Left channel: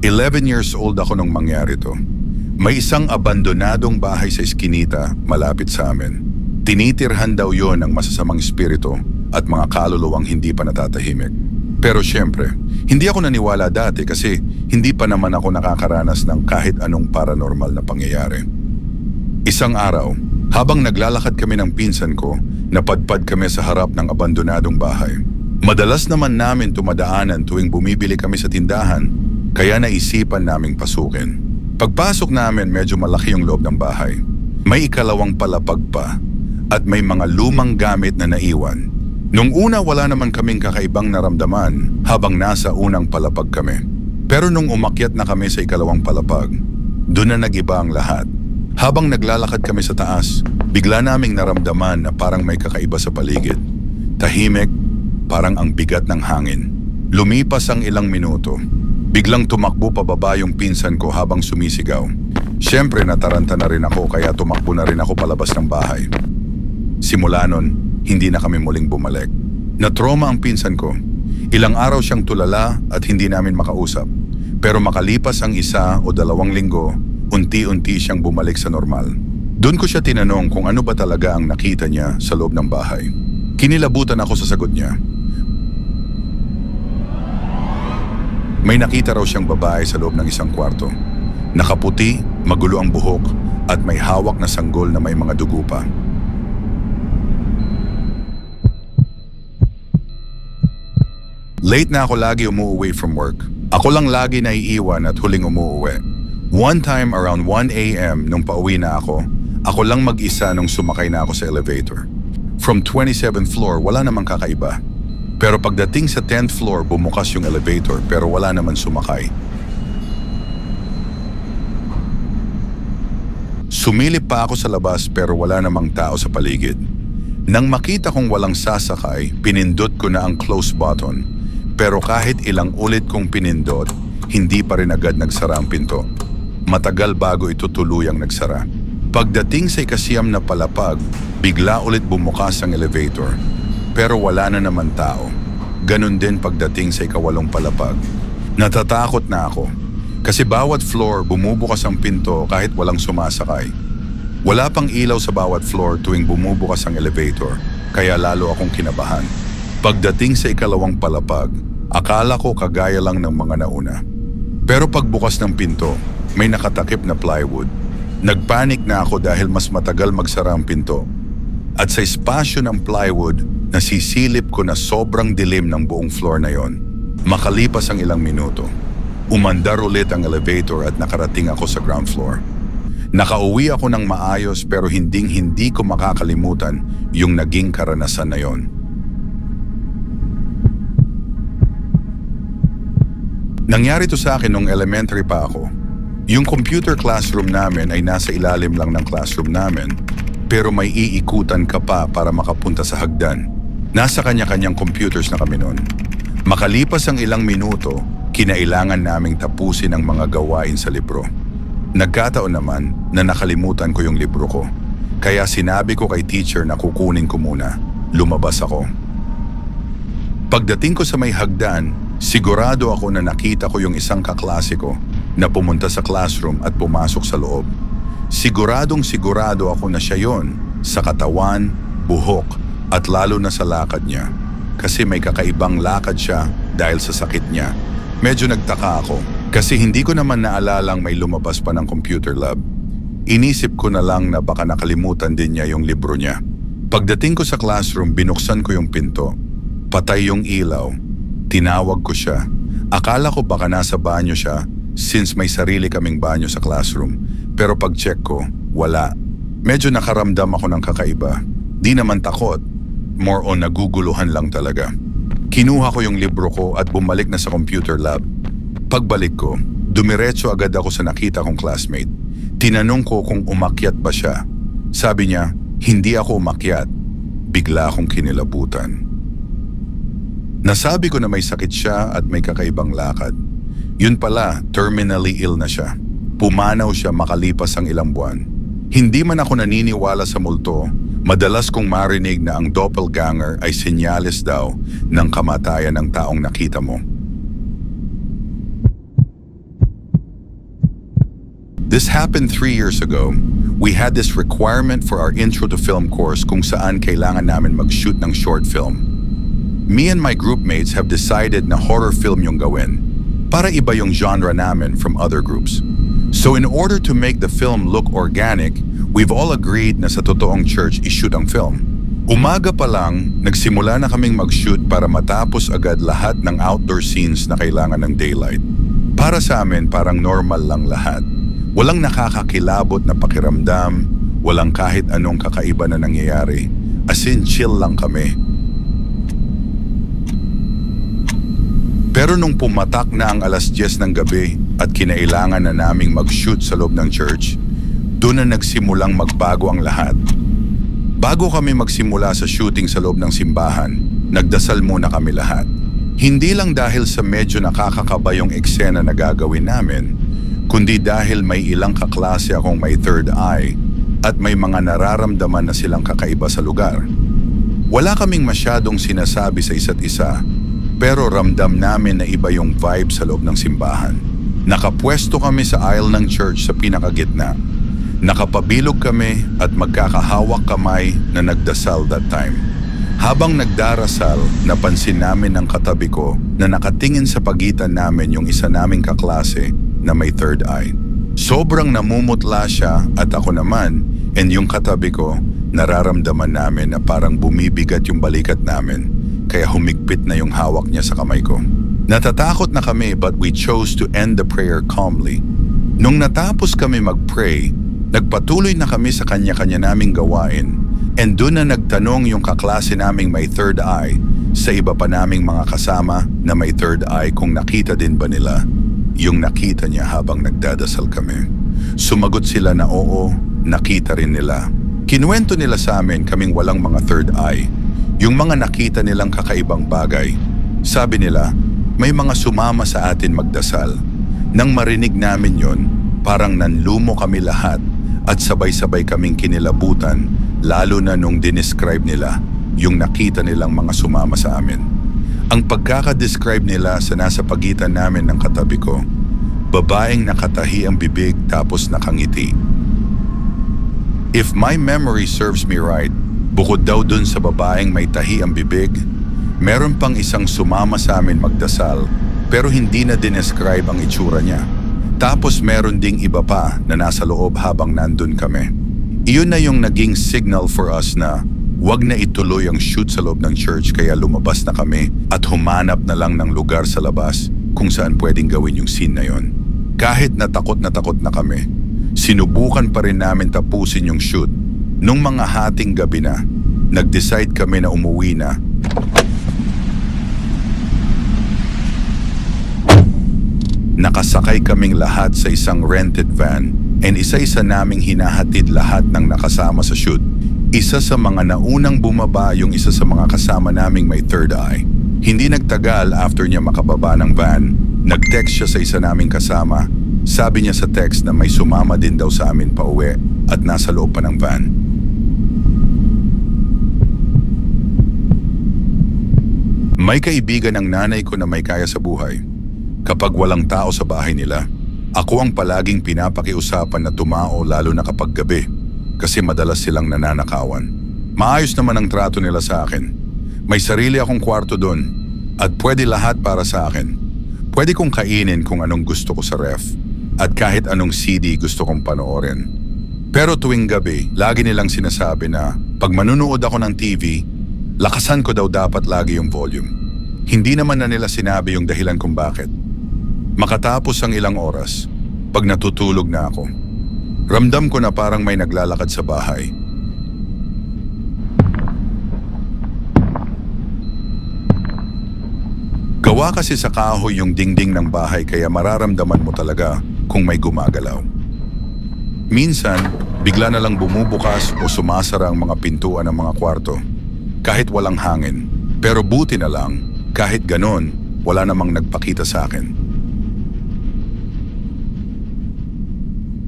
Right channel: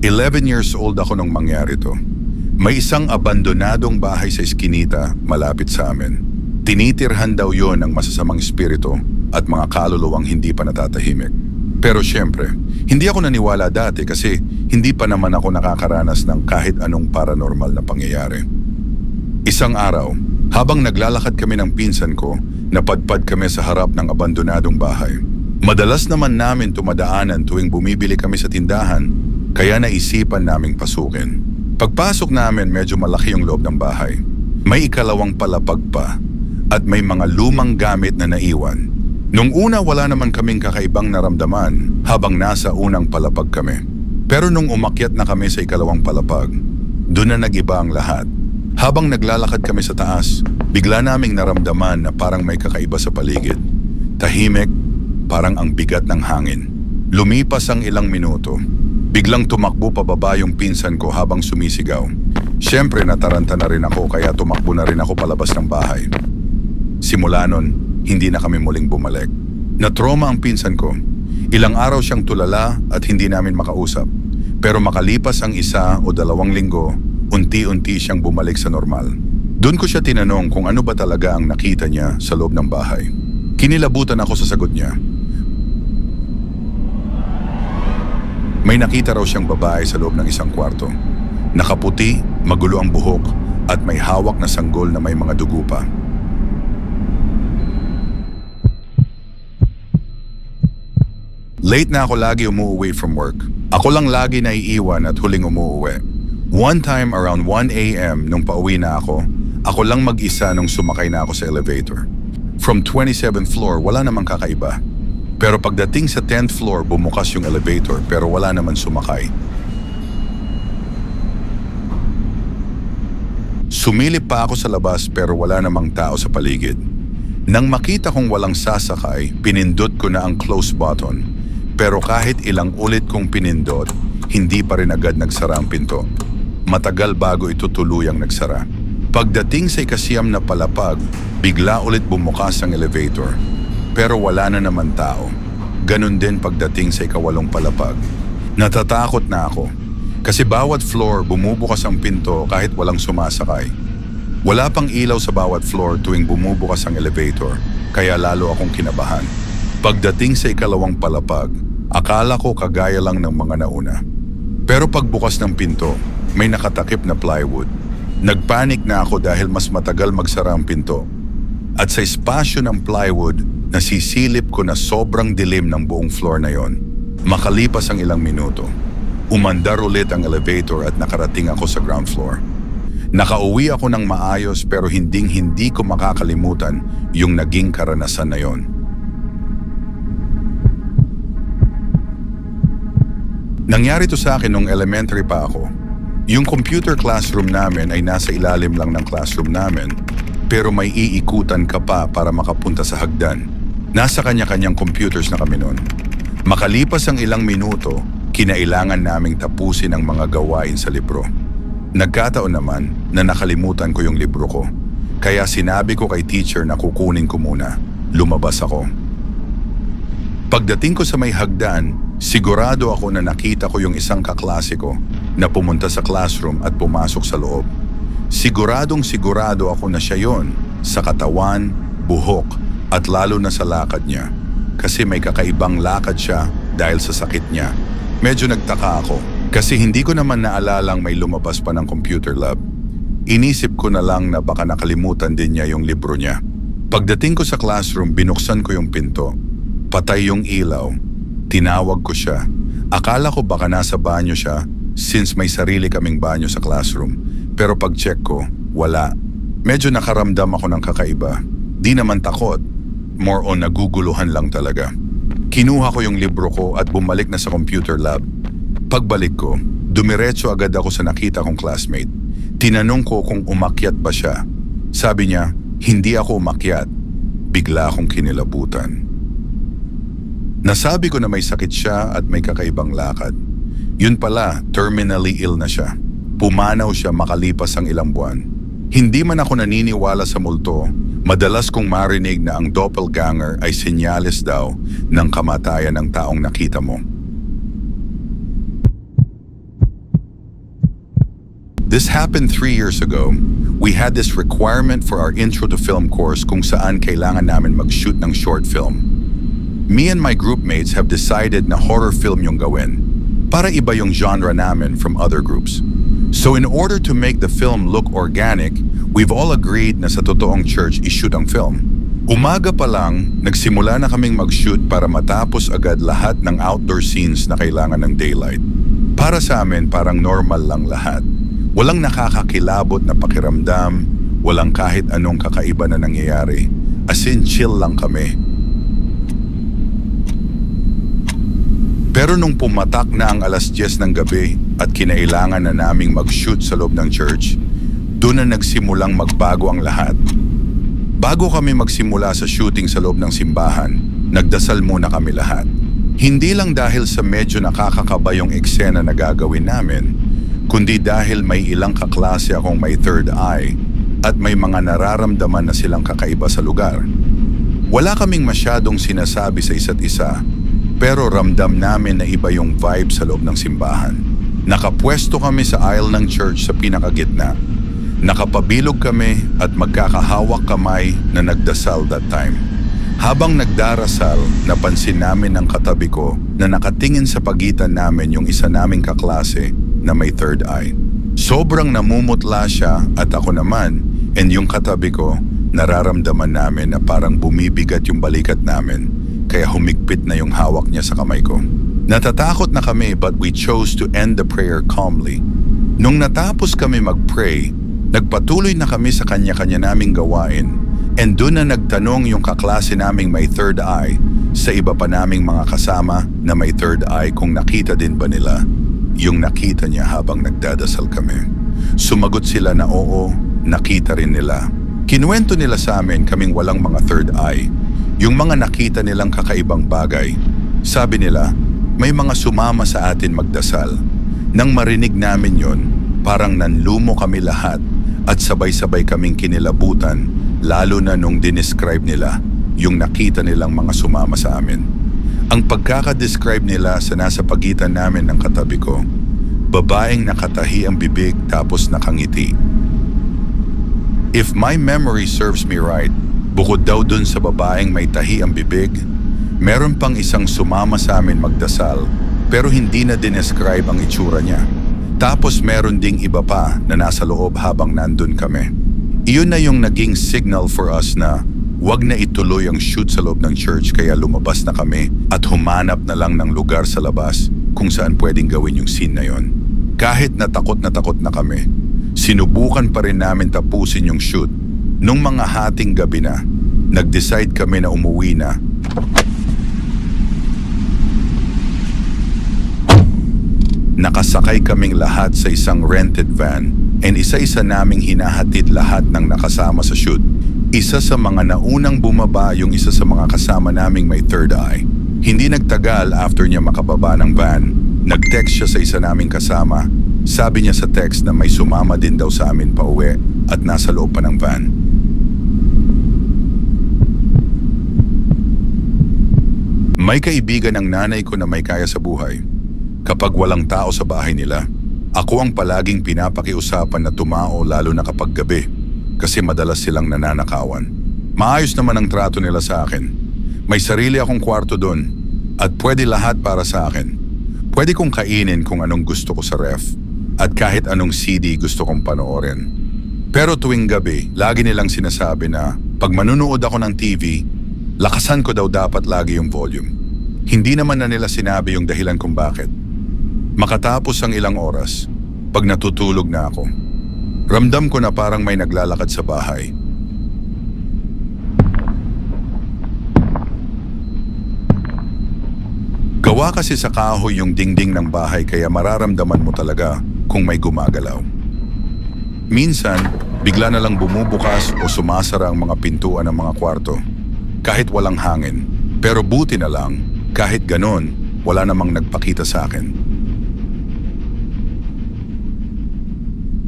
11 years old ako nung mangyari to. May isang abandonadong bahay sa Eskinita malapit sa amin. Tinitirhan daw yon ng masasamang espiritu at mga kaluluwang hindi pa natatahimik. Pero syempre, hindi ako naniwala dati kasi hindi pa naman ako nakakaranas ng kahit anong paranormal na pangyayari. Isang araw, habang naglalakad kami ng pinsan ko, napadpad kami sa harap ng abandonadong bahay. Madalas naman namin tumadaanan tuwing bumibili kami sa tindahan, kaya naisipan naming pasukin. Pagpasok namin, medyo malaki yung loob ng bahay. May ikalawang palapag pa at may mga lumang gamit na naiwan. Nung una wala naman kaming kakaibang naramdaman habang nasa unang palapag kami. Pero nung umakyat na kami sa ikalawang palapag, doon na nag-iba ang lahat. Habang naglalakad kami sa taas, bigla naming naramdaman na parang may kakaiba sa paligid. Tahimik, parang ang bigat ng hangin. Lumipas ang ilang minuto. Biglang tumakbo pababa yung pinsan ko habang sumisigaw. Siyempre nataranta na rin ako kaya tumakbo na rin ako palabas ng bahay. Simula nun, hindi na kami muling bumalik. Na-trauma ang pinsan ko. Ilang araw siyang tulala at hindi namin makausap. Pero makalipas ang 1 o 2 linggo, unti-unti siyang bumalik sa normal. Doon ko siya tinanong kung ano ba talaga ang nakita niya sa loob ng bahay. Kinilabutan ako sa sagot niya. May nakita raw siyang babae sa loob ng isang kwarto. Nakaputi, magulo ang buhok at may hawak na sanggol na may mga dugo pa. Late na ako lagi umuwi from work. Ako lang lagi naiiwan at huling umuwi. One time around 1 a.m. nung pauwi na ako lang mag-isa nung sumakay na ako sa elevator. From 27th floor, wala namang kakaiba. Pero pagdating sa 10th floor, bumukas yung elevator pero wala naman sumakay. Sumilip pa ako sa labas pero wala namang tao sa paligid. Nang makita kong walang sasakay, pinindot ko na ang close button. Pero kahit ilang ulit kong pinindot, hindi pa rin agad nagsara ang pinto. Matagal bago ito tuluyang nagsara. Pagdating sa 9 na palapag, bigla ulit bumukas ang elevator. Pero wala na naman tao. Ganon din pagdating sa 8 palapag. Natatakot na ako. Kasi bawat floor bumubukas ang pinto kahit walang sumasakay. Wala pang ilaw sa bawat floor tuwing bumubukas ang elevator, kaya lalo akong kinabahan. Pagdating sa 2 palapag, akala ko kagaya lang ng mga nauna. Pero pagbukas ng pinto, may nakatakip na plywood. Nagpanik na ako dahil mas matagal magsara ang pinto. At sa espasyo ng plywood, nasisilip ko na sobrang dilim ng buong floor na yon. Makalipas ang ilang minuto, umandar ulit ang elevator at nakarating ako sa ground floor. Nakauwi ako ng maayos pero hindi ko makakalimutan yung naging karanasan na yon. Nangyari to sa akin nung elementary pa ako. Yung computer classroom namin ay nasa ilalim lang ng classroom namin, pero may iikutan ka pa para makapunta sa hagdan. Nasa kanya-kanyang computers na kami noon. Makalipas ang ilang minuto, kinailangan naming tapusin ang mga gawain sa libro. Nagkataon naman na nakalimutan ko yung libro ko, kaya sinabi ko kay teacher na kukunin ko muna. Lumabas ako. Pagdating ko sa may hagdan, sigurado ako na nakita ko yung isang kaklase ko na pumunta sa classroom at pumasok sa loob. Sigurado ako na siya yon sa katawan, buhok at lalo na sa lakad niya. Kasi may kakaibang lakad siya dahil sa sakit niya. Medyo nagtaka ako kasi hindi ko naman naalalang may lumabas pa ng computer lab. Inisip ko na lang na baka nakalimutan din niya yung libro niya. Pagdating ko sa classroom, binuksan ko yung pinto. Patay yung ilaw. Tinawag ko siya. Akala ko baka nasa banyo siya since may sarili kaming banyo sa classroom. Pero pag-check ko, wala. Medyo nakaramdam ako ng kakaiba. Di naman takot. More on naguguluhan lang talaga. Kinuha ko yung libro ko at bumalik na sa computer lab. Pagbalik ko, dumiretso agad ako sa nakita kong classmate. Tinanong ko kung umakyat ba siya. Sabi niya, hindi ako umakyat. Bigla akong kinilabutan. Nasabi ko na may sakit siya at may kakaibang lakad. Yun pala, terminally ill na siya. Pumanaw siya makalipas ang ilang buwan. Hindi man ako naniniwala sa multo, madalas kong marinig na ang doppelganger ay senyales daw ng kamatayan ng taong nakita mo. This happened 3 years ago. We had this requirement for our intro to film course kung saan kailangan namin mag-shoot ng short film. Me and my group mates have decided na horror film yung gawin para iba yung genre namin from other groups. So in order to make the film look organic, we've all agreed na sa totoong church i-shoot ang film. Umaga pa lang, nagsimula na kaming mag-shoot para matapos agad lahat ng outdoor scenes na kailangan ng daylight. Para sa amin, parang normal lang lahat. Walang nakakakilabot na pakiramdam, walang kahit anong kakaiba na nangyayari. As in, chill lang kami. Pero nung pumatak na ang 10:00 ng gabi at kinailangan na naming mag-shoot sa loob ng church, doon na nagsimulang magbago ang lahat. Bago kami magsimula sa shooting sa loob ng simbahan, nagdasal muna kami lahat. Hindi lang dahil sa medyo nakakakaba yung eksena na gagawin namin, kundi dahil may ilang kaklase akong may third eye at may mga nararamdaman na silang kakaiba sa lugar. Wala kaming masyadong sinasabi sa isa't isa, pero ramdam namin na iba yung vibe sa loob ng simbahan. Nakapwesto kami sa aisle ng church sa pinakagitna. Nakapabilog kami at magkakahawak kamay na nagdasal that time. Habang nagdarasal, napansin namin ng katabi ko na nakatingin sa pagitan namin yung isa naming kaklase na may third eye. Sobrang namumutla siya at ako naman, and yung katabi ko, nararamdaman namin na parang bumibigat yung balikat namin, kaya humigpit na yung hawak niya sa kamay ko. Natatakot na kami but we chose to end the prayer calmly. Nung natapos kami mag-pray, nagpatuloy na kami sa kanya-kanya naming gawain, and doon na nagtanong yung kaklase naming may third eye sa iba pa naming mga kasama na may third eye kung nakita din ba nila yung nakita niya habang nagdadasal kami. Sumagot sila na oo, nakita rin nila. Kinuwento nila sa amin kaming walang mga third eye, yung mga nakita nilang kakaibang bagay. Sabi nila, may mga sumama sa atin magdasal. Nang marinig namin yon, parang nanlumo kami lahat at sabay-sabay kaming kinilabutan, lalo na nung dinescribe nila yung nakita nilang mga sumama sa amin. Ang pagkakadescribe nila sa nasa pagitan namin ng katabi ko, babaeng nakatahi ang bibig tapos nakangiti. If my memory serves me right, bukod daw dun sa babaeng may tahi ang bibig, meron pang isang sumama sa amin magdasal pero hindi na dinescribe ang itsura niya. Tapos meron ding iba pa na nasa loob habang nandun kami. Iyon na yung naging signal for us na wag na ituloy ang shoot sa loob ng church, kaya lumabas na kami at humanap na lang ng lugar sa labas kung saan pwedeng gawin yung scene na yon. Kahit na takot na kami, sinubukan pa rin namin tapusin yung shoot. Nung mga hating gabi na, nag-decide kami na umuwi na. Nakasakay kaming lahat sa isang rented van and isa-isa naming hinahatid lahat ng nakasama sa shoot. Isa sa mga naunang bumaba yung isa sa mga kasama naming may third eye. Hindi nagtagal after niya makababa ng van, nag-text siya sa isa naming kasama. Sabi niya sa text na may sumama din daw sa amin pauwi at nasa loob pa ng van. May kaibigan ng nanay ko na may kaya sa buhay. Kapag walang tao sa bahay nila, ako ang palaging pinapakiusapan na tumao lalo na kapag gabi kasi madalas silang nananakawan. Maayos naman ang trato nila sa akin. May sarili akong kwarto doon at pwede lahat para sa akin. Pwede kong kainin kung anong gusto ko sa ref at kahit anong CD gusto kong panoorin. Pero tuwing gabi, lagi nilang sinasabi na pag manunood ako ng TV, lakasan ko daw dapat lagi yung volume. Hindi naman na nila sinabi yung dahilan kung bakit. Makatapos ang ilang oras, pag natutulog na ako, ramdam ko na parang may naglalakad sa bahay. Gawa kasi sa kahoy yung dingding ng bahay kaya mararamdaman mo talaga kung may gumagalaw. Minsan, bigla na lang bumubukas o sumasara ang mga pintuan ng mga kwarto, kahit walang hangin. Pero buti na lang, kahit ganon, wala namang nagpakita sa akin.